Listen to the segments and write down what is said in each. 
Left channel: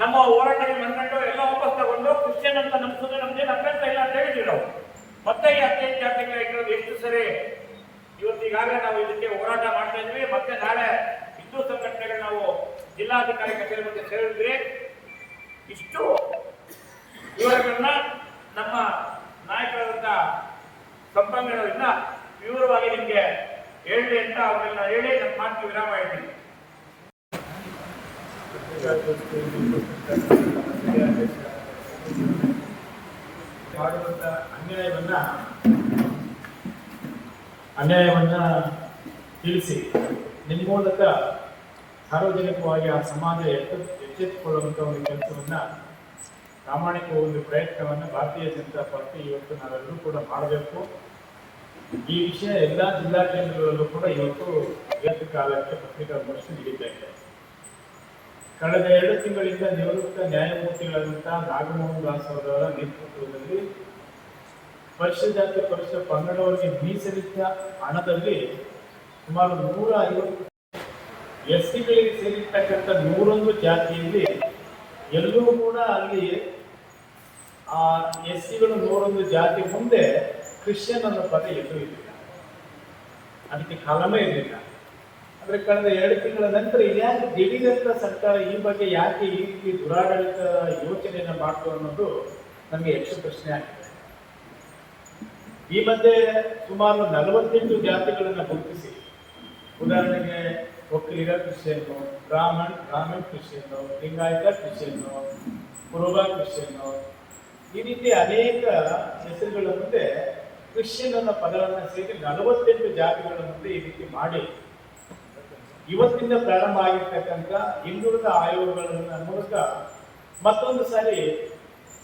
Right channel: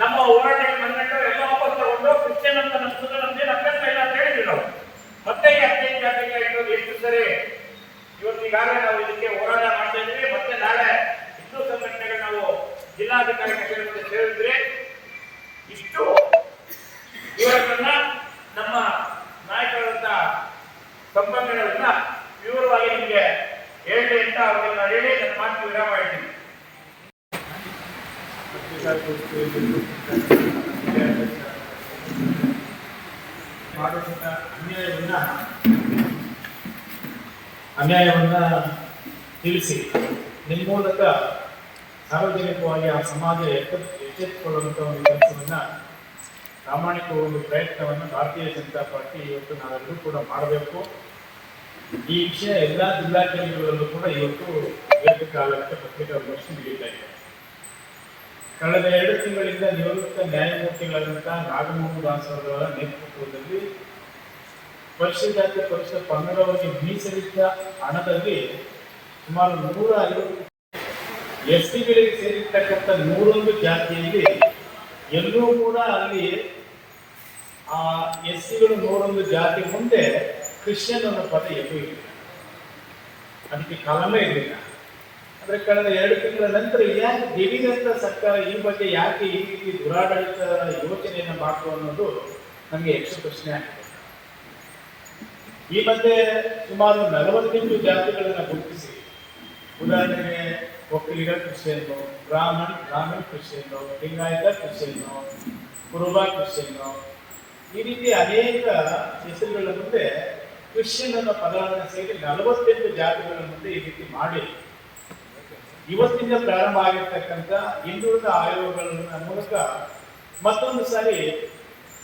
ನಮ್ಮ ಹೋರಾಟಕ್ಕೆ ಬಂದ್ಬಿಟ್ಟು ಎಲ್ಲ ವಾಪಸ್ ತಗೊಂಡು ಕ್ರಿಶ್ಚಿಯನ್ ಅಂತ ನಮ್ಮ ನಮ್ದೇನು ಅಭ್ಯಂತರ ಇಲ್ಲ ಅಂತ ಹೇಳಿದ್ವಿ ನಾವು. ಮತ್ತೆ ಈ ಹದಿನೈದು ಜಾತಿಗೆ ಆಗಿರೋದು ಎಷ್ಟು ಸರಿ? ಇವತ್ತು ಈಗಾಗಲೇ ನಾವು ಇದಕ್ಕೆ ಹೋರಾಟ ಮಾಡ್ತಾ ಇದ್ವಿ ಮತ್ತೆ ನಾಳೆ ಹಿಂದೂ ಸಂಘಟನೆಗಳು ನಾವು ಜಿಲ್ಲಾಧಿಕಾರಿ ಕಚೇರಿ ಮುಂದೆ ಸೇರಿದ್ರಿ ಇಷ್ಟು ವಿವರಗಳನ್ನ ನಮ್ಮ ನಾಯಕರಾದಂತ ಸಂಪನ್ಮೂಲಗಳಿಂದ ವಿವರವಾಗಿ ನಿಮಗೆ ಹೇಳಿ ಅಂತ ಅವರನ್ನ ಹೇಳಿ ನನ್ನ ಮಾತು ವಿರಾಮ ಹೇಳ್ತೀನಿ ಮಾಡಿದಂತ ಅನ್ಯಾಯವನ್ನ ಅನ್ಯಾಯವನ್ನ ತಿಳಿಸಿ. ನಿಮ್ಮ ಮೂಲಕ ಸಾರ್ವಜನಿಕವಾಗಿ ಆ ಸಮಾಜ ಎಚ್ಚೆ- ಒಂದು ಪ್ರಾಮಾಣಿಕ ಒಂದು ಪ್ರಯತ್ನವನ್ನು ಭಾರತೀಯ ಜನತಾ ಪಾರ್ಟಿ ಇವತ್ತು ನಾವೆಲ್ಲರೂ ಕೂಡ ಮಾಡಬೇಕು. ಈ ವಿಷಯ ಎಲ್ಲ ಕೇಂದ್ರಗಳಲ್ಲೂ ಕೂಡ ಇವತ್ತು ಏಕಕಾಲಕ್ಕೆ ಪ್ರತ್ಯೇಕ ನಡೀತಾ ಇದೆ. ಕಳೆದ ಎರಡು ತಿಂಗಳಿಂದ ನಿವೃತ್ತ ನ್ಯಾಯಮೂರ್ತಿಗಳಾದಂತಹ ನಾಗಮೋಹನ್ ದಾಸ್ ಅವರ ನೇತೃತ್ವದಲ್ಲಿ ಪರಿಶಿಷ್ಟ ಜಾತಿ ಪಕ್ಷ ಪಂಗಡವರಿಗೆ ಮೀಸಲಿಟ್ಟ ಹಣದಲ್ಲಿ ಸುಮಾರು ನೂರ ಐವತ್ತು ಎಸ್ ಟಿಗಳಿಗೆ ಸೇರಿರ್ತಕ್ಕಂಥ ನೂರೊಂದು ಜಾತಿಯಲ್ಲಿ ಎಲ್ಲೂ ಕೂಡ ಅಲ್ಲಿ ಆ ಎಸ್ ಸಿಗಳು ನೂರೊಂದು ಜಾತಿ ಮುಂದೆ ಕ್ರಿಶ್ಚಿಯನ್ ಅನ್ನೋ ಪದ ಎಲ್ಲೂ ಇಲ್ಲ. ಅದಕ್ಕೆ ಕಲಮೇ ಇರಲಿಲ್ಲ. ಅಂದ್ರೆ ಕಳೆದ ಎರಡು ತಿಂಗಳ ನಂತರ ಯಾಕೆ ದಿಢೀರಂತ ಸರ್ಕಾರ ಈ ಬಗ್ಗೆ ಯಾಕೆ ಈ ರೀತಿ ದುರಾಡಳಿತ ಯೋಚನೆಯನ್ನು ಮಾಡ್ತು ಅನ್ನೋದು ನನಗೆ ಯಕ್ಷ ಪ್ರಶ್ನೆ ಆಗಿದೆ ಈ ಮಧ್ಯೆ ಸುಮಾರು ನಲವತ್ತೆಂಟು ಜಾತಿಗಳನ್ನು ಗುರುತಿಸಿ. ಉದಾಹರಣೆಗೆ ಒಕ್ಕಲಿಗ ಕೃಷಿಯನ್ನು, ಬ್ರಾಹ್ಮಣ್ ಬ್ರಾಹ್ಮಣ್ ಕೃಷಿಯನ್ನು, ಲಿಂಗಾಯತ ಕೃಷಿಯನ್ನು, ಕುರುಬ ಕೃಷಿಯನ್ನು ಈ ರೀತಿ ಅನೇಕ ಹೆಸರುಗಳ ಮುಂದೆ ಕ್ರಿಶ್ಚಿಯನ್ ಅನ್ನೋ ಪದವನ್ನು ಸೇರಿ ನಲವತ್ತೆಂಟು ಜಾತಿಗಳ ಮುಂದೆ ಈ ರೀತಿ ಮಾಡಿ. ಇವತ್ತಿಂದ ಪ್ರಾರಂಭ ಆಗಿರ್ತಕ್ಕಂಥ ಹಿಂದುಳಿದ ಆಯೋಗಗಳ ಮೂಲಕ ಮತ್ತೊಂದು ಸಾರಿ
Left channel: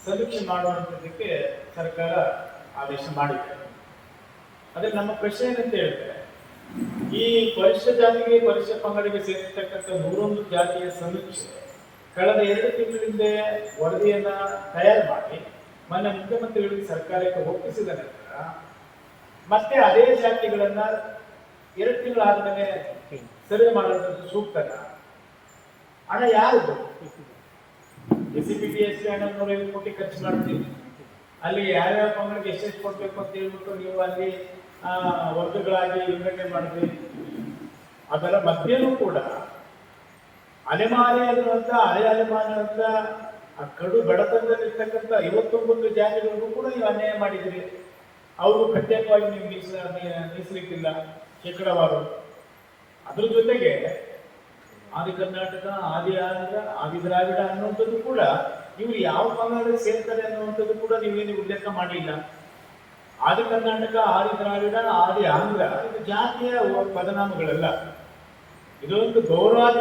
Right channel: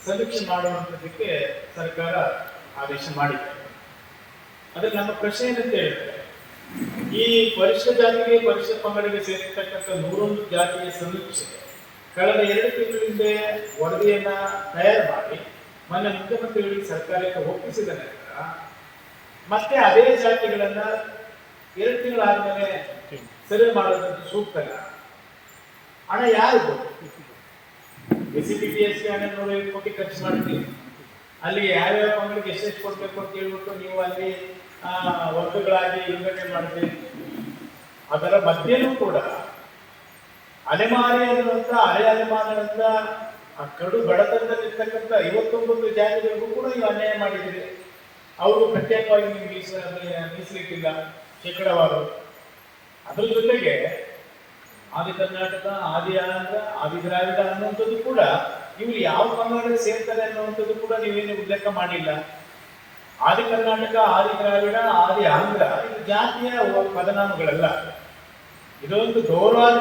ಸಮೀಕ್ಷೆ ಮಾಡುವಂಥದ್ದಕ್ಕೆ ಸರ್ಕಾರ ಆದೇಶ ಮಾಡಿದೆ. ಅದಕ್ಕೆ ನಮ್ಮ ಪ್ರಶ್ನೆ ಏನಂತ ಹೇಳಿದ್ರೆ, ಈ ಪರಿಶಿಷ್ಟ ಜಾತಿಗೆ ಪರಿಶಿಷ್ಟ ಪಂಗಡಿಗೆ ಸೇರಿರ್ತಕ್ಕಂಥ ನೂರೊಂದು ಜಾತಿಯ ಸಮೀಕ್ಷೆ ಕಳೆದ ಎರಡು ತಿಂಗಳಿಂದ ವರದಿಯನ್ನ ತಯಾರು ಮಾಡಿ ಮೊನ್ನೆ ಮುಖ್ಯಮಂತ್ರಿಗಳಿಗೆ ಸರ್ಕಾರಕ್ಕೆ ಒಪ್ಪಿಸಿದ ನಂತರ ಮತ್ತೆ ಅದೇ ಜಾತಿಗಳನ್ನ ಎರಡು ತಿಂಗಳಾದ್ಮೇಲೆ ಸರ್ವೆ ಮಾಡೋದಂತ ಸೂಕ್ತಲ್ಲ ಹಣ ಯಾರು ಎಸ್ ಸಿ ಪಿ ಎಸ್ ಹಣ ನೂರೈವತ್ತು ಕೋಟಿ ಖರ್ಚು ಮಾಡ್ತೀವಿ. ಅಲ್ಲಿ ಯಾವ್ಯಾವ ಪಂಗಡಿಗೆ ಎಷ್ಟೆಷ್ಟು ಕೊಡ್ಬೇಕು ಅಂತ ಹೇಳ್ಬಿಟ್ಟು ನೀವು ಅಲ್ಲಿ ಆ, ವರ್ಗಗಳಾಗಿ ವಿಂಗಡಣೆ ಮಾಡಿದ್ರಿ ಅದರ ಮಧ್ಯೆಯೂ ಕೂಡ ಅಲೆಮಾರಿಯಾದಂತ ಹಳೆ ಅಲೆಮಾರಿಯಾದಂತ ಆ ಕಡು ಬಡತನದಲ್ಲಿರ್ತಕ್ಕಂಥ ಐವತ್ತೊಂಬತ್ತು ಜಾತಿಗಳಿಗೂ ಕೂಡ ನೀವು ಅನ್ಯಾಯ ಮಾಡಿದ್ದೀರಿ. ಅವರು ಪ್ರತ್ಯೇಕವಾಗಿ ನಿಮ್ಗೆ ಮೀಸ ಮೀ- ಮೀಸಲಿಟ್ಟಿಲ್ಲ ಶೇಕಡವಾರು. ಅದ್ರ ಜೊತೆಗೆ ಆದಿ ಕರ್ನಾಟಕ ಆದಿ ಆಂಧ್ರ ಆದಿ ದ್ರಾವಿಡ ಅನ್ನುವಂಥದ್ದು ಕೂಡ ಇವರು ಯಾವ ಪಂಗಡಕ್ಕೆ ಸೇರ್ತಾರೆ ಅನ್ನುವಂಥದ್ದು ಕೂಡ ನೀವೇನು ಉಲ್ಲೇಖ ಮಾಡಿಲ್ಲ. ಆದಿ ಕರ್ನಾಟಕ, ಆದಿ ದ್ರಾವಿಡ, ಆದಿ ಆಂಧ್ರ ಇದು ಜಾತಿಯ ಪದನಾಮಗಳಲ್ಲ. ಇದೊಂದು ಗೌರವಾದ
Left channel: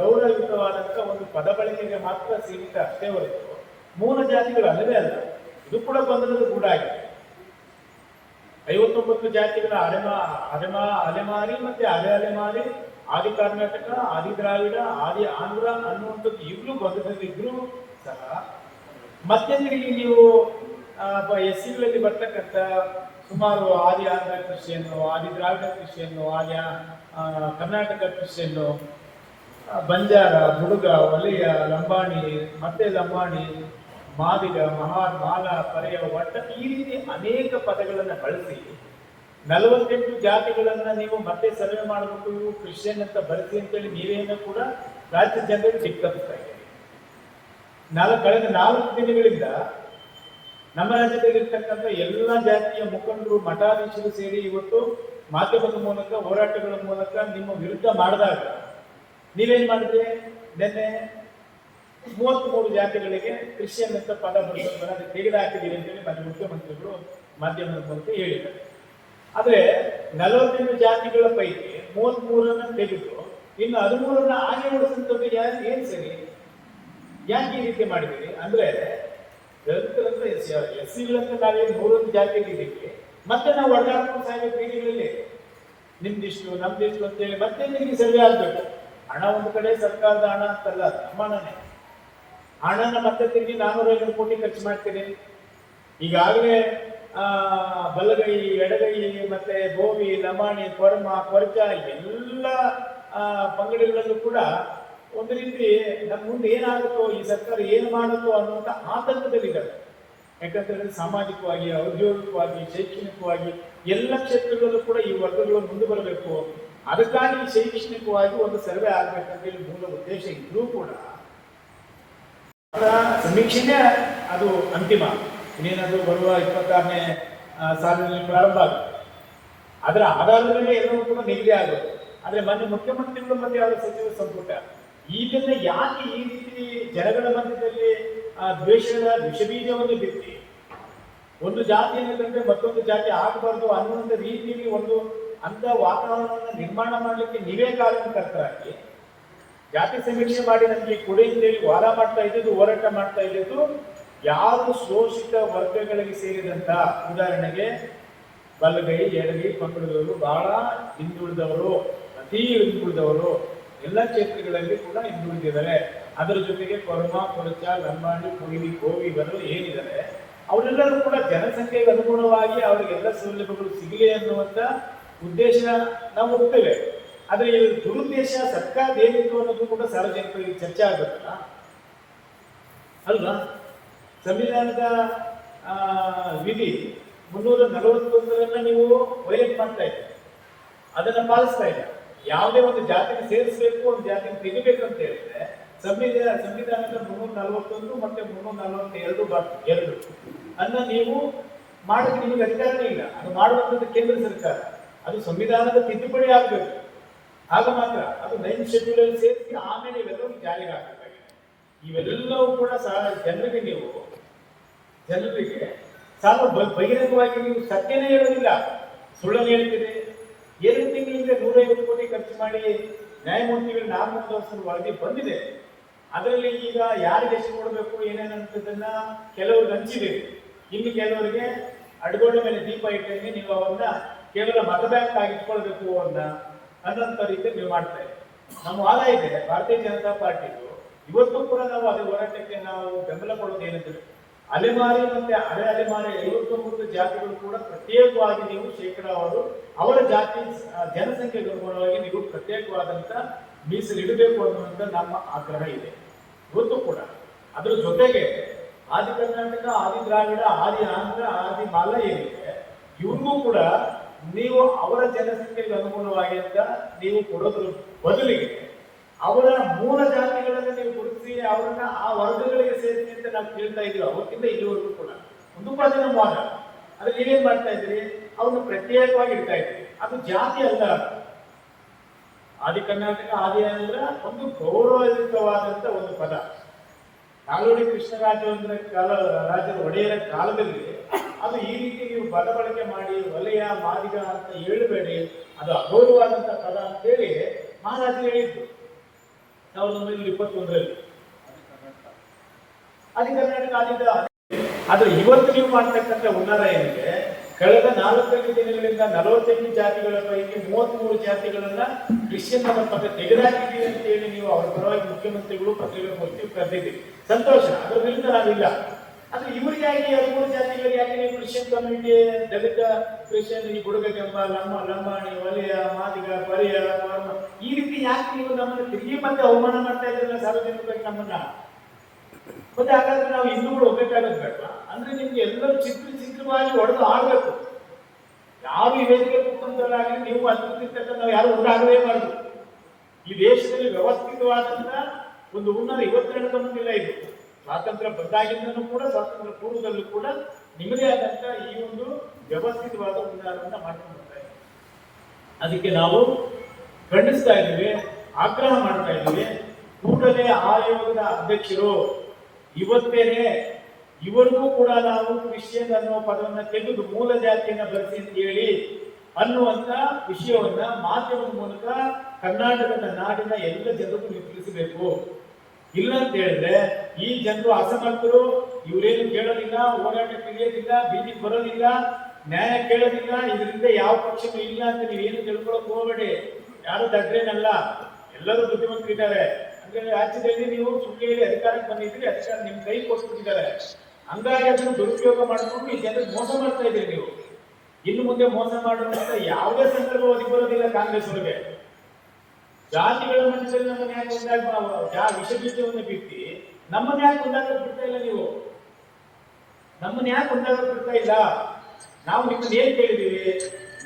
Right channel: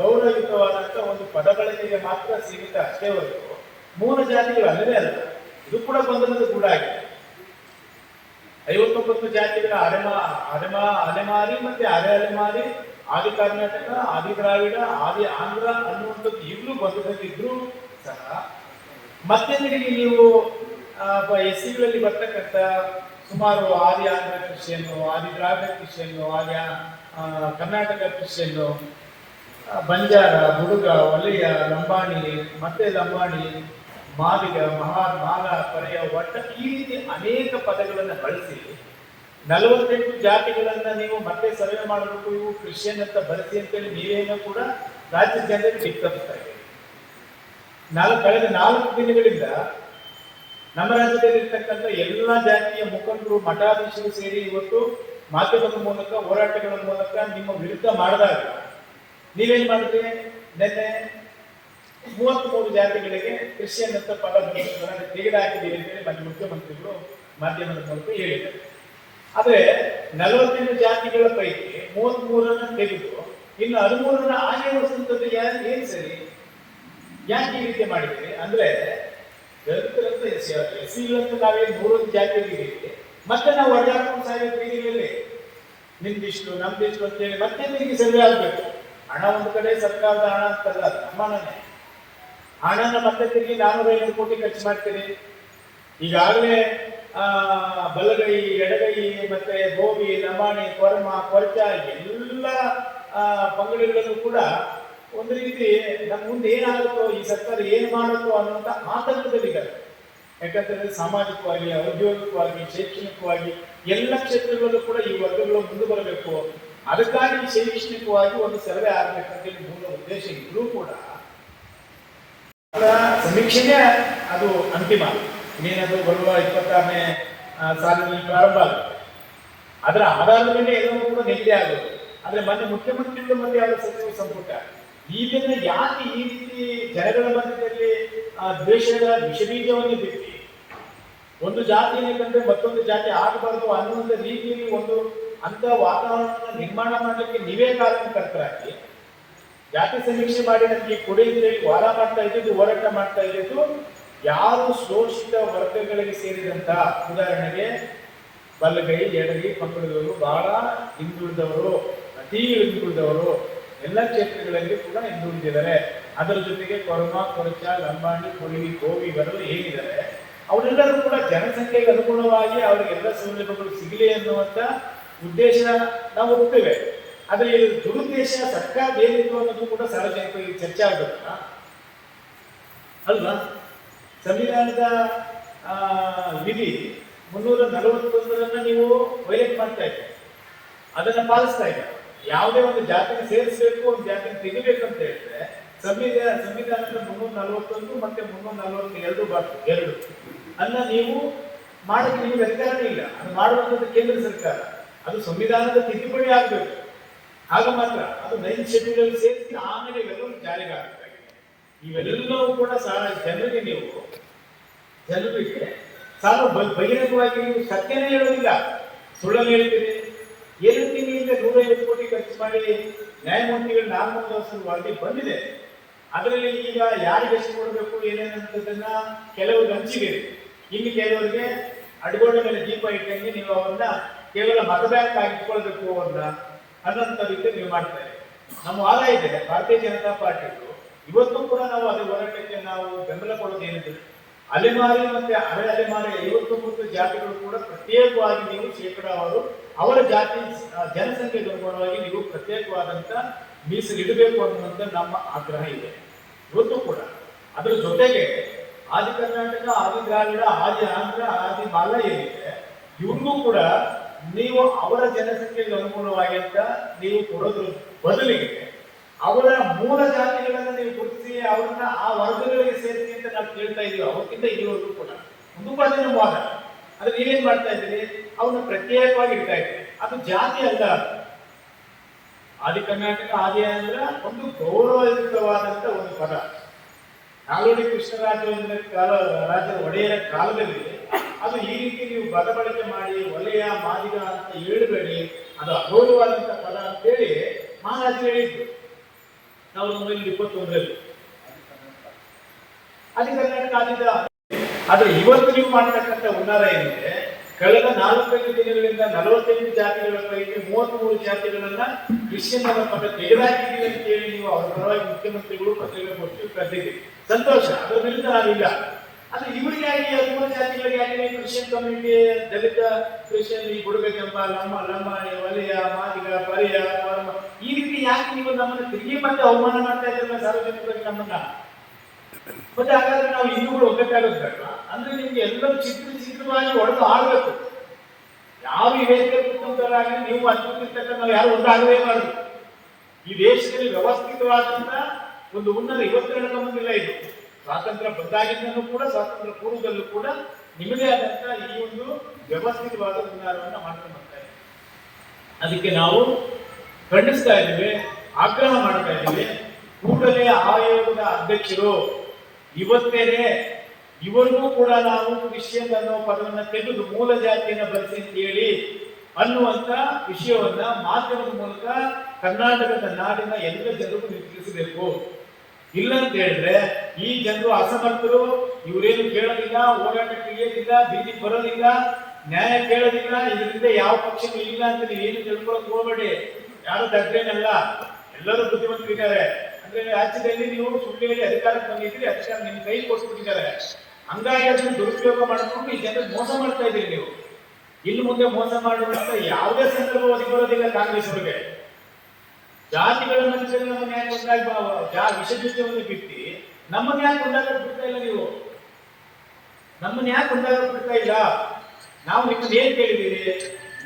ಗೌರವಯುತವಾದಂತಹ ಒಂದು ಪದಗಳಿಗೆ ಮಾತ್ರ ಸೀಮಿತ ಅಷ್ಟೇ ಹೊರತು ಮೂಲ ಜಾತಿಗಳು ಅಲ್ಲವೇ ಅಲ್ಲ. ಇದು ಕೂಡ ಬಂದದ್ದು ಕೂಡ ಆಗಿದೆ ಐವತ್ತೊಂಬತ್ತು ಜಾತಿಗಳ ಅಲೆಮಾ ಅಲೆಮಾ ಅಲೆಮಾರಿ ಮತ್ತೆ ಅರೆ ಅಲೆಮಾರಿ, ಆದಿ ಕರ್ನಾಟಕ, ಆದಿ ದ್ರಾವಿಡ, ಆದಿ ಆಂಧ್ರ ಅನ್ನುವಂಥದ್ದು ಈಗಲೂ ಬಂದದಿದ್ರು ಸಹ ಮತ್ತೆ ನೀವು ಎಸ್ ಸಿಗಳಲ್ಲಿ ಬರ್ತಕ್ಕಂಥ ಸುಮಾರು ಆದಿ ಆಂಧ್ರ ಕ್ರಿಶ್ಚಿಯನ್ನು ಆದಿ ದ್ರಾವಿಡ ಕ್ರಿಶ್ಚಿಯನ್ನು ಆದಿ ಆ, ಕರ್ನಾಟಕ ಕ್ರಿಶ್ಚಿಯನ್ನು ಬಂಜಾರ ಹುಡುಗ ಒಲೆಯ ಲಂಬಾಣಿ ಮತ್ತೆ ಲಂಬಾಣಿ ಮಾದಿಗ ಮಹಾ ಮಾಗ ಪರೆಯ ಒಟ್ಟ ಈ ರೀತಿ ಅನೇಕ ಪದಗಳನ್ನು ಬಳಸಿ ನಲವತ್ತೆಂಟು ಜಾತಿಗಳನ್ನು ನೀವು ಮತ್ತೆ ಸರ್ವೆ ಮಾಡಬೇಕು ಇವು ಕ್ರಿಶ್ಚಿಯನ್ ಅಂತ ಬಳಸಿ ಅಂತೇಳಿ ನೀವೇನೋ ಕೂಡ ರಾಜ್ಯ ಜನರಿಗೆ ಸಿಕ್ಕಿದೆ ನಾಲ್ಕು ಕಳೆದ ನಾಲ್ಕು ದಿನಗಳಿಂದ ನಮ್ಮ ರಾಜ್ಯದಲ್ಲಿರ್ತಕ್ಕಂಥ ಎಲ್ಲ ಜಾತಿಯ ಮುಖಂಡರು, ಮಠಾಧೀಶರು ಸೇರಿ ಇವತ್ತು ಮಾಧ್ಯಮದ ಮೂಲಕ, ಹೋರಾಟಗಳ ಮೂಲಕ ನಿಮ್ಮ ವಿರುದ್ಧ ಮಾಡಿದಾಗ ನೀವೇನ್ ಮಾಡಿದ್ರಿ? ನಿನ್ನೆ ಮೂವತ್ಮೂರು ಜಾತಿಗಳಿಗೆ ಕ್ರಿಶ್ಚಿಯನ್ ಅಂತ ಪದ ತೆಗೆದುಹಾಕಿದ್ದೀರಿ ಅಂತೇಳಿ ನಮ್ಮ ಮುಖ್ಯಮಂತ್ರಿಗಳು ಮಾಧ್ಯಮದ ಮೂಲಕ ಹೇಳಿದ್ದಾರೆ. ಆದ್ರೆ ನಲವತ್ತೆಂಟು ಜಾತಿಗಳ ಪೈಕಿ ಮೂವತ್ಮೂರನ್ನ ತೆಗೆದು ಇನ್ನು ಹದಿಮೂರನ್ನ ಉಳಿಸುವಂಥದ್ದು ಯಾರು? ಏನ್ ಸರಿ? ಯಾಕೆ ಈ ರೀತಿ ಮಾಡಿದ್ರಿ ಅಂದ್ರೆ ದಲಿತರಂತ ಎಸ್ ಸಿಗಳಂತ ನಾವೇನು ಮೂರೊಂದು ಜಾತಿ ಇದ್ದೀವಿ. ಮತ್ತೆ ನಾವು ಒಡ್ಡಾಡ್ಕೊಂಡು ಸಾಯೋ ಬೀದಿಗಳಲ್ಲಿ ನಿಮ್ದಿಷ್ಟು, ನಮ್ದಿಷ್ಟು ಅಂತೇಳಿ ಮತ್ತೆ ನಿಮಗೆ ಸರಿ ಆಗ್ಬೇಕು. ಹಣ ಒಂದು ಕಡೆ, ಸರ್ಕಾರದ ಹಣ ಅಂತಲ್ಲ ಸಮಾನನೇ. ಹಣನ ಮತ್ತೆ ತಿರುಗಿ ನಾನೂರ ಐನೂರು ಕೋಟಿ ಖರ್ಚು ಮಾಡ್ತೀರಿ. ಈಗಾಗಲೇ ಬಲಗೈ, ಎಡಗೈ, ಮತ್ತೆ ಗೋವಿ ಲಮಾಣಿ ಕೊರಮ, ಕೊರಚ, ಎಲ್ಲ ಪಂಗಡಿಗಳಲ್ಲೂ ಕೂಡ ಒಂದು ರೀತಿ ನಮ್ಮ ಮುಂದೆ ಏನಾಗುತ್ತೋ, ಈ ಸರ್ಕಾರ ಏನು ಮಾಡುತ್ತೋ ಅನ್ನುವಂಥ ಆತಂಕದಲ್ಲಿದ್ದಾರೆ ಯಾಕಂತಂದ್ರೆ ಸಾಮಾಜಿಕವಾಗಿ, ಔದ್ಯೋಗಿಕವಾಗಿ, ಶೈಕ್ಷಣಿಕವಾಗಿ ಎಲ್ಲ ಕ್ಷೇತ್ರಗಳಲ್ಲೂ ಕೂಡ ಈ ವರ್ಗಗಳು ಮುಂದೆ ಬರಬೇಕು. ಅದಕ್ಕಾಗಿ ಶೈಕ್ಷಣಿಕವಾಗಿ ಒಂದು ಸರ್ವೆ ಆಗ್ಬೇಕಂತೇಳಿ ಮೂಲ ಉದ್ದೇಶ ಇದ್ರೂ ಕೂಡ ಅದರ ಸಮೀಕ್ಷೆನೇ ಅದು ಅಂತಿಮ. ಇನ್ನೇನದು ಬರುವ ಇಪ್ಪತ್ತಾರನೇ ಸಾಲಿನ ಸಾಲಿನಲ್ಲಿ ಪ್ರಾರಂಭ ಆಗುತ್ತೆ. ಅದರ ಆಧಾರದ ಮೇಲೆ ಎಲ್ಲವೂ ಕೂಡ ನಿಗದಿ ಆಗುತ್ತೆ. ಆದರೆ ಮೊನ್ನೆ ಮುಖ್ಯಮಂತ್ರಿಗಳು ಮತ್ತೆ ಅವರ ಸಚಿವ ಸಂಪುಟ. ಈಗಿನ ಯಾಕೆ ಈ ರೀತಿ ಜನಗಳ ಮಧ್ಯದಲ್ಲಿ ಆ ದ್ವೇಷದ ವಿಷಬೀಜವನ್ನು ಬಿತ್ತಿ? ಒಂದು ಜಾತಿಯನ್ನು ಕಂಡ್ರೆ ಮತ್ತೊಂದು ಜಾತಿ ಆಗಬಾರ್ದು ಅನ್ನುವಂಥ ರೀತಿಯಲ್ಲಿ ಒಂದು ಅಂತ ವಾತಾವರಣವನ್ನು ನಿರ್ಮಾಣ ಮಾಡಲಿಕ್ಕೆ ನೀವೇ ಕಾರಣಕರ್ತರಾಗಿ. ಜಾತಿ ಸಮೀಕ್ಷೆ ಮಾಡಿ ನಮಗೆ ಕೊಡಿ ಹೇಳಿ ವಾರ ಮಾಡ್ತಾ ಇದ್ದಿದ್ದು, ಹೋರಾಟ ಮಾಡ್ತಾ ಇದ್ದಿದ್ದು ಯಾರು ಶೋಷಿತ ವರ್ಗಗಳಿಗೆ ಸೇರಿದಂತ ಉದಾಹರಣೆಗೆ ಬಲಗೈ, ಎಡಗೈ, ಪಕ್ಕದವರು ಬಹಳ ಹಿಂದುಳಿದವರು, ಅತಿ ಹಿಂದುಳಿದವರು ಎಲ್ಲ ಕ್ಷೇತ್ರಗಳಲ್ಲಿ ಕೂಡ ಹಿಂದುಳಿದಿದ್ದಾರೆ. ಅದರ ಜೊತೆಗೆ ಕೊರಮ ಕೊರಚ ಲಂಬಾಣಿ ಕೊಯ್ಲಿ ಬರಲು ಏನಿದ್ದಾರೆ ಅವರೆಲ್ಲರೂ ಕೂಡ ಜನಸಂಖ್ಯೆಗೆ ಅನುಗುಣವಾಗಿ ಅವರಿಗೆಲ್ಲ ಸೌಲಭ್ಯಗಳು ಸಿಗಲಿ ಅನ್ನುವಂತ ಉದ್ದೇಶ ನಾವು ಹೋಗ್ತೇವೆ ಆದರೆ ದುರುದ್ದೇಶ ಸರ್ಕಾರ ಏನಿತ್ತು ಅನ್ನೋದು ಕೂಡ ಸಾರ್ವಜನಿಕರಿಗೆ ಚರ್ಚೆ ಆಗುತ್ತಾ ಅಲ್ವಾ? ಸಂವಿಧಾನದ ವಿಧಿ ಮುನ್ನೂರ ನಲವತ್ತೊಂದರನ್ನ ನೀವು ವೈಲೇಟ್ ಮಾಡ್ತಾ ಇದ್ದೀರಿ. ಅದನ್ನ ಪಾಲಿಸ್ತಾ ಇದ್ದಾರೆ. ಯಾವುದೇ ಒಂದು ಜಾತಿನ ಸೇರಿಸಬೇಕು, ಒಂದು ಜಾತಿನ ತೆಗಿಬೇಕು ಅಂತ ಹೇಳಿದ್ರೆ, ಸಂವಿಧಾನ, ಸಂವಿಧಾನದ ಮುನ್ನೂರ ನಲವತ್ತೊಂದು ಮತ್ತೆ ಮುನ್ನೂರ ನಲವತ್ತೆರಡು ಬಾಟು ಎರಡು. ಅನ್ನ ನೀವು ಮಾಡಕ್ಕೆ ನಿಮಗೆ ಅಧಿಕಾರನೇ ಇಲ್ಲ. ಅದು ಮಾಡುವಂಥದ್ದು ಕೇಂದ್ರ ಸರ್ಕಾರ. ಅದು ಸಂವಿಧಾನದ ತಿದ್ದುಪಡಿ ಆಗಬೇಕು. ಆಗ ಮಾತ್ರ ಅದು ನೈನ್ ಶೆಡ್ಯೂಲ್ ಸೇರಿಸಿ ಆಮೇಲೆ ಇವೆಲ್ಲವೂ ಜಾರಿಗೆ ಇವೆಲ್ಲವೂ ಕೂಡ ಸಹ ಜನರಿಗೆ ನೀವು, ಜನರಿಗೆ ಸಾಲ ಬಹಿರಂಗವಾಗಿ ನೀವು ಸತ್ಯನೇ ಹೇಳುವುದಿಲ್ಲ. ಸುಳ್ಳನ್ನು ಹೇಳ್ತೀರಿ ಎರಡು ತಿಂಗಳಿಂದ ನೂರೈವತ್ತು ಕೋಟಿ ಖರ್ಚು ಮಾಡಿ ನ್ಯಾಯಮೂರ್ತಿಗಳ ವರ್ಷದ ವರದಿ ಬಂದಿದೆ. ಅದರಲ್ಲಿ ಈಗ ಯಾರಿಗೆ ಎಷ್ಟು ಕೊಡಬೇಕು ಏನೇನಂತದನ್ನ ಕೆಲವರು ಹಂಚಿದ್ದೀರಿ ಇನ್ನು ಕೆಲವರಿಗೆ ಅಡುಗೋಡ ಮೇಲೆ ದೀಪ ಇಟ್ಟಂಗೆ ನೀವು ಅವನ್ನ ಕೇವಲ ಮತ ಬ್ಯಾಂಕ್ ಆಗಿ ಇಟ್ಕೊಳ್ಬೇಕು ಅಂತ ಅನ್ನೋಂಥ ರೀತಿ ನೀವು ಮಾಡ್ತಾರೆ ನಮ್ಮ ವಾದ ಇದೆ, ಭಾರತೀಯ ಜನತಾ ಪಾರ್ಟಿದು. ಇವತ್ತು ಕೂಡ ನಾವು ಅದರ ಹೋರಾಟಕ್ಕೆ ನಾವು ಬೆಂಬಲ ಕೊಡೋದು ಅಲೆಮಾರಿ ಮತ್ತೆ ಅರೆ ಅಲೆಮಾರಿ ಐವತ್ತೊಂಬತ್ತು ಜಾತಿಗಳು ಕೂಡ ಪ್ರತ್ಯೇಕವಾಗಿ ನೀವು ಶೇಕಡಾವಾರು ಅವರ ಜಾತಿ ಜನಸಂಖ್ಯೆ ಜನಸಂಖ್ಯೆಗೆ ಅನುಗುಣವಾಗಿ ನೀವು ಪ್ರತ್ಯೇಕವಾದಂತ ಮೀಸಲಿಡಬೇಕು ಅನ್ನುವಂಥ ನಮ್ಮ ಆಗ್ರಹ ಇದೆ. ಇವತ್ತು ಕೂಡ ಅದರ ಜೊತೆಗೆ ಆದಿ ಕರ್ನಾಟಕ, ಆದಿ ದ್ರಾವಿಡ, ಆದಿ ಆಂಧ್ರ, ಆದಿ ಮಾಲ ಏನಿದೆ, ಇವ್ರಿಗೂ ಕೂಡ ನೀವು ಅವರ ಜನಸಂಖ್ಯೆಗೆ ಅನುಗುಣವಾಗಿ ಅಂತ ನೀವು ಕೊಡೋದ್ರ ಬದಲಿಗೆ ಅವರ ಮೂಲ ಜಾತಿಗಳನ್ನು ನೀವು ಗುರುತಿಸಿ, ಅವರನ್ನ ಆ ವರ್ಗಗಳಿಗೆ ಸೇರಿಸಿ ಅಂತ ನಾವು ಕೇಳ್ತಾ ಇದೀವಿ ಅವಕ್ಕಿಂತ ಇಲ್ಲಿವರೆಗೂ ಕೂಡ. ಒಂದು ಜನ ಮೋಸ. ಆದ್ರೆ ನೀವೇನ್ ಮಾಡ್ತಾ ಇದ್ದೀರಿ? ಅವ್ರನ್ನ ಪ್ರತ್ಯೇಕವಾಗಿ ಇಡ್ತಾ ಇದ್ದೀರಿ. ಅದು ಜಾತಿ ಅಲ್ಲ. ಆದಿ ಕರ್ನಾಟಕ ಆದಿ ಅಂದ್ರೆ ಒಂದು ಗೌರವಯುತವಾದಂತ ಒಂದು ಪದ. ನಾಲ್ವಡಿ ಕೃಷ್ಣರಾಜ ಕಾಲ, ರಾಜ್ಯದ ಒಡೆಯರ ಕಾಲದಲ್ಲಿ ಅದು ಈ ರೀತಿ ನೀವು ಪದ ಬಳಕೆ ಮಾಡಿ, ಒಲೆಯ ಮಾದಿಗ ಅಂತ ಹೇಳಬೇಡಿ. ಅದು ಅಗೌರವಾದಂತ ಪದ ಅಂತೇಳಿ ಹೇಳಿ ಹೇಳಿದ್ರು. ಆದ್ರೆ ಇವತ್ತು ನೀವು ಮಾಡತಕ್ಕಂಥ ಉನ್ನಾರ ಏನಿದೆ, ಕಳೆದ ನಾಲ್ಕೈದು ದಿನಗಳಿಂದ ನಲವತ್ತೆಂಟು ಜಾತಿಗಳ ಪೈಕಿ ಮೂವತ್ಮೂರು ಜಾತಿಗಳನ್ನ ಕ್ರಿಶ್ಚಿಯನ್ ಪದ ತೆಗೆದಾಕಿದ್ದೀವಿ ಅಂತ ಹೇಳಿ ನೀವು ಅವರ ಪರವಾಗಿ ಮುಖ್ಯಮಂತ್ರಿಗಳು ಪತ್ರಿಕಾಗೋಷ್ಠಿ ಕರೆದಿದ್ದೀರಿ ಸಂತೋಷ, ಅದರಿಂದ ವಿರುದ್ಧ ಆದ್ರೆ ಇವರಿಗಾಗಿ ಹದಿಮೂರು ಜಾತಿಗಳಿಗೆ ಯಾಕೆ ನೀವು ಕ್ರಿಶ್ಚಿಯನ್ ಕಮ್ಯುನಿಟಿ ದಲಿತ ಕ್ರಿಶ್ಚಿಯನ್ ಕೊಡಬೇಕಪ್ಪ ನಮ್ಮ ಲಮ್ಮ ನಮ್ಮ ವಲಯ ಮಾದಿಗ ಪರಿಯ ಈ ರೀತಿ ಯಾಕೆ ನೀವು ನಮ್ಮನ್ನು ತಿರುಗಿ ಮತ್ತೆ ಅವಮಾನ ಮಾಡ್ತಾ ಇದ್ರೆ ಸಾರ್ವಜನಿಕರಿಗೆ ನಮ್ಮನ್ನ ಮತ್ತೆ ಹಾಗಾದ್ರೆ ನಾವು ಕೂಡ ಒಗ್ಗಟ್ಟಾಗೋದು ಬೇಡವಾ ಅಂದ್ರೆ ನಿಮ್ಗೆ ಎಲ್ಲರೂ ಚಿತ್ರ ಚಿತ್ರವಾಗಿ ಹೊಡೆದು ಆಡ್ಬೇಕು. ಯಾವ ಈ ವೇದಿಕೆ ಕೂತ್ಕೊಂಡಾಗಲಿ ನೀವು ಅತ್ಯುತ್ತಕ್ಕ ನಾವು ಯಾರು ಒಂದಾಗದೇ ಮಾಡುದು ಈ ದೇಶದಲ್ಲಿ ವ್ಯವಸ್ಥಿತವಾದಂತ ಒಂದು ಉನ್ನತ ಇವತ್ತೆಲ್ಲ ಬಂದಿಲ್ಲ ಇದು. ಸ್ವಾತಂತ್ರ್ಯ ಬಂದಾಗಿಂದಲೂ ಕೂಡ, ಸ್ವಾತಂತ್ರ್ಯ ಪೂರ್ವದಲ್ಲೂ ಕೂಡ ನಿಮ್ಮದೇ ಆದಂತ ಈ ಒಂದು ವ್ಯವಸ್ಥಿತವಾದ ನಿರ್ಧಾರವನ್ನು ಮಾಡ್ಕೊಂಡು ಬರ್ತಾ ಅದಕ್ಕೆ ನಾವು ಖಂಡಿಸ್ತಾ ಇದ್ದೀವಿ, ಆಗ್ರಹ ಮಾಡ್ತಾ ಇದ್ದೇವೆ. ಕೂಡಲೇ ಆಯೋಗದ ಅಧ್ಯಕ್ಷರು, ಇವತ್ತೇನೆ ಇವರಿಗೂ ಕೂಡ ನಾವು ಕ್ರಿಶ್ಚಿಯನ್ ಅನ್ನೋ ಪದವನ್ನು ತೆಗೆದು ಮೂಲ ಜಾತಿಯನ್ನು ಬರೆಸಿ ಅಂತ ಹೇಳಿ ಅನ್ನುವಂತ ವಿಷಯವನ್ನ ಮಾಧ್ಯಮದ ಮೂಲಕ ಕರ್ನಾಟಕದ ನಾಡಿನ ಎಲ್ಲ ಜನರಿಗೂ ನೀವು ತಿಳಿಸಬೇಕು. ಇಲ್ಲ ಅಂತ ಹೇಳಿದ್ರೆ ಈ ಜನರು ಅಸಮರ್ಥರು, ಇವರೇನು ಕೇಳೋದಿಲ್ಲ, ಓಡಾಟಕ್ಕೆ ಇಳಿಯೋದಿಲ್ಲ ಬೀದಿಗೆ ಬರೋದಿಲ್ಲ, ನ್ಯಾಯ ಕೇಳೋದಿಲ್ಲ, ಇದರಿಂದ ಯಾವ ಪಕ್ಷಗಳು ಇಲ್ಲ ಅಂತ ನೀವು ಏನು ತಿಳ್ಕೊಳಕ್ ಹೋಗಬೇಡಿ. ಯಾರು ದಗ್ಗೇನಲ್ಲ ಎಲ್ಲರೂ ಬುದ್ಧಿವಂತರಿದ್ದಾರೆ ಅಂದ್ರೆ ರಾಜ್ಯದಲ್ಲಿ ನೀವು ಸುಳ್ಳಿಯಲ್ಲಿ ಅಧಿಕಾರಕ್ಕೆ ಬಂದಿದ್ರಿ ಅಧಿಕಾರ ನಿಮ್ ಕೈ ಕೊಡ್ಸ್ಬಿಟ್ಟಿದ್ದಾರೆ. ಹಂಗಾಗಿ ಅದನ್ನು ದುರುಪಯೋಗ ಮಾಡಿಕೊಂಡು ಈ ಜನರಿಗೆ ಮೋಸ ಮಾಡ್ತಾ ಇದ್ದೀರಿ ನೀವು. ಇನ್ನು ಮುಂದೆ ಮೋಸ ಮಾಡುವಂತ ಯಾವುದೇ ಸಂದರ್ಭ ಒದಗಿ ಬರೋದಿಲ್ಲ ಕಾಂಗ್ರೆಸ್ ಅವರಿಗೆ ಜಾತಿಗಳ ಮನುಷ್ಯರು ನಮ್ಮ ಯಾಕೆ ಯಾ ವಿಷ ಬೀಜವನ್ನು ಬಿತ್ತಿ ನಮ್ಮನ್ನ ಯಾಕೆ ಒಂದಾಗ ಬಿಡ್ತಾ ಇಲ್ಲ ನೀವು? ನಮ್ಮನ್ನ ಯಾಕೆ ಒಂದಾಗ ಬಿಡ್ತಾ ಇಲ್ಲ? ನಾವು ನಿಮ್ಮನ್ನ ಏನ್ ಕೇಳಿದ್ದೀರಿ?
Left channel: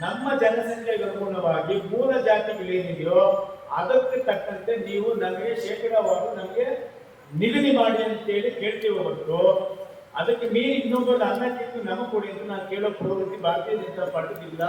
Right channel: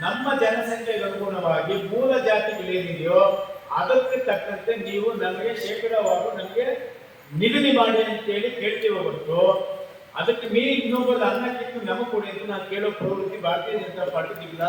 ನಮ್ಮ ಜನಸಂಖ್ಯೆಗೆ ಅನುಗುಣವಾಗಿ ಮೂಲ ಜಾತಿಗಳೇನಿದೆಯೋ, ಅದಕ್ಕೆ ತಕ್ಕಂತೆ ನೀವು ನಮಗೆ ಶೇಕಡಾವಾರು ನಮಗೆ ನಿಗದಿ ಮಾಡಿ ಅಂತ ಹೇಳಿ ಕೇಳ್ತೀವಿ ಹೊರತು, ಅದಕ್ಕೆ ಮೀರಿ ಇನ್ನೊಬ್ಬರು ಅನ್ನಕ್ಕಿಂತ ನಮಗೆ ಕೊಡಿ ಅಂತ ನಾನು ಕೇಳೋ ಪ್ರವೃತ್ತಿ ಭಾರತೀಯ ಜನತಾ ಪಾರ್ಟಿ ಇಲ್ಲ